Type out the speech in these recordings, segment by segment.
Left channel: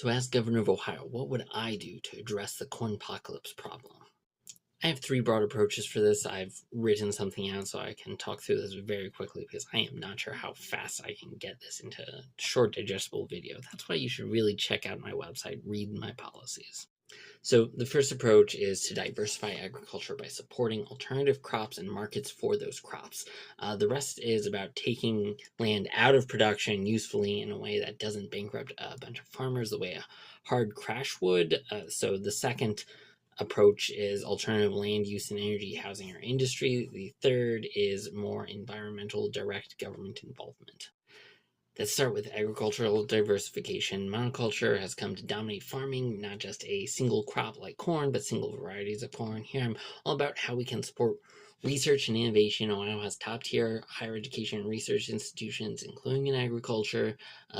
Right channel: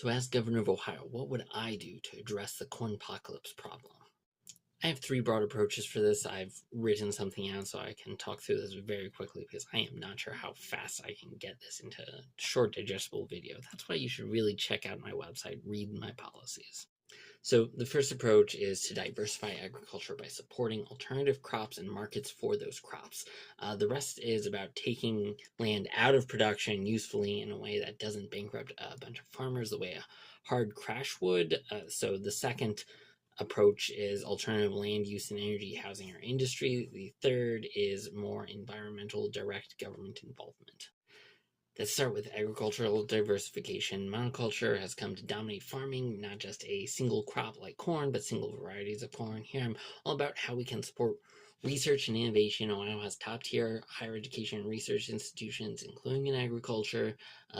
So, as Governor of Ohio, what would I do to address the corn apocalypse problem? I have three broad approaches for this. I've written something out so I can talk through this very quickly because I am not sure how fast I can get this into a short, digestible video. That's why you should really check out my website, read my policies. So, the first approach is to diversify agriculture by supporting alternative crops and markets for those crops. The rest is about taking land out of production usefully in a way that doesn't bankrupt a bunch of farmers the way a hard crash would. So, the second approach is alternative land use and energy, housing, or industry. The third is more environmental direct government involvement. Let's start with agricultural diversification. Monoculture has come to dominate farming, not just a single crop like corn, but single varieties of corn. Here I'm all about how we can support research and innovation. Ohio has top-tier higher education and research institutions, including in agriculture.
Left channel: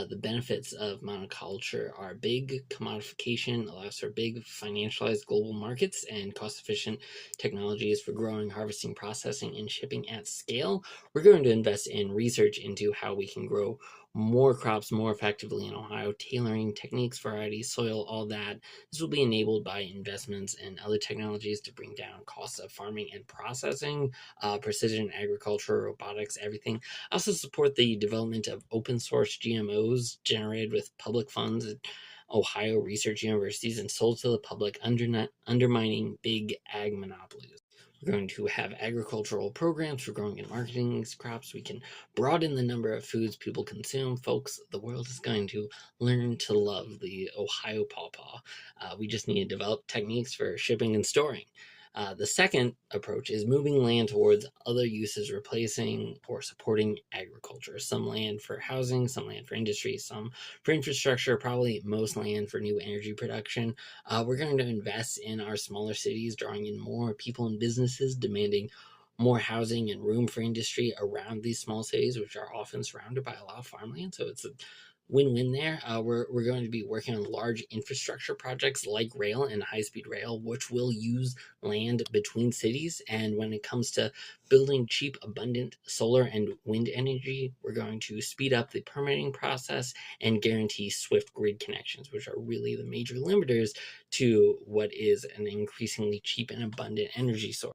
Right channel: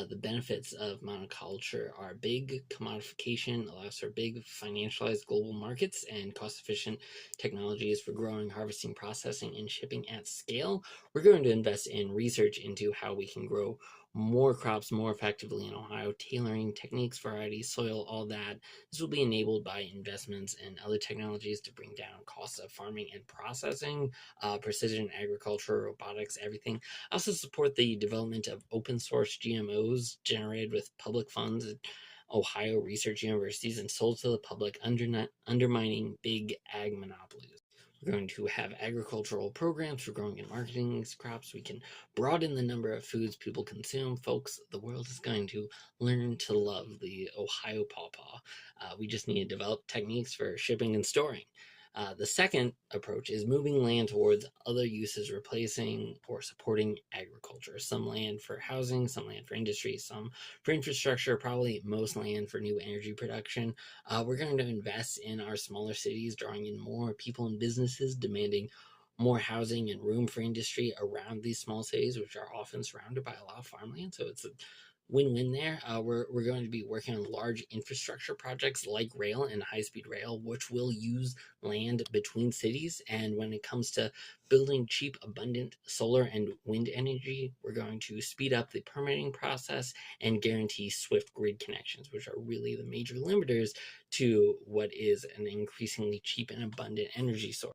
The benefits of monoculture are big commodification, allows for big financialized global markets, and cost-efficient technologies for growing, harvesting, processing, and shipping at scale. We're going to invest in research into how we can grow more crops more effectively in Ohio, tailoring techniques, varieties, soil, all that. This will be enabled by investments in other technologies to bring down costs of farming and processing, precision agriculture, robotics, everything. Also support the development of open source GMOs generated with public funds at Ohio research universities and sold to the public, undermining big ag monopolies. We're going to have agricultural programs for growing and marketing these crops. We can broaden the number of foods people consume. Folks, the world is going to learn to love the Ohio pawpaw. We just need to develop techniques for shipping and storing. The second approach is moving land towards other uses, replacing or supporting agriculture. Some land for housing, some land for industry, some for infrastructure, probably most land for new energy production. We're going to invest in our smaller cities, drawing in more people and businesses, demanding more housing and room for industry around these small cities, which are often surrounded by a lot of farmland. So it's a win-win there. We're going to be working on large infrastructure projects like rail and high-speed rail, which will use land between cities. And when it comes to building cheap, abundant solar and wind energy, we're going to speed up the permitting process and guarantee swift grid connections, which are really the major limiters to what is an increasingly cheap and abundant energy source.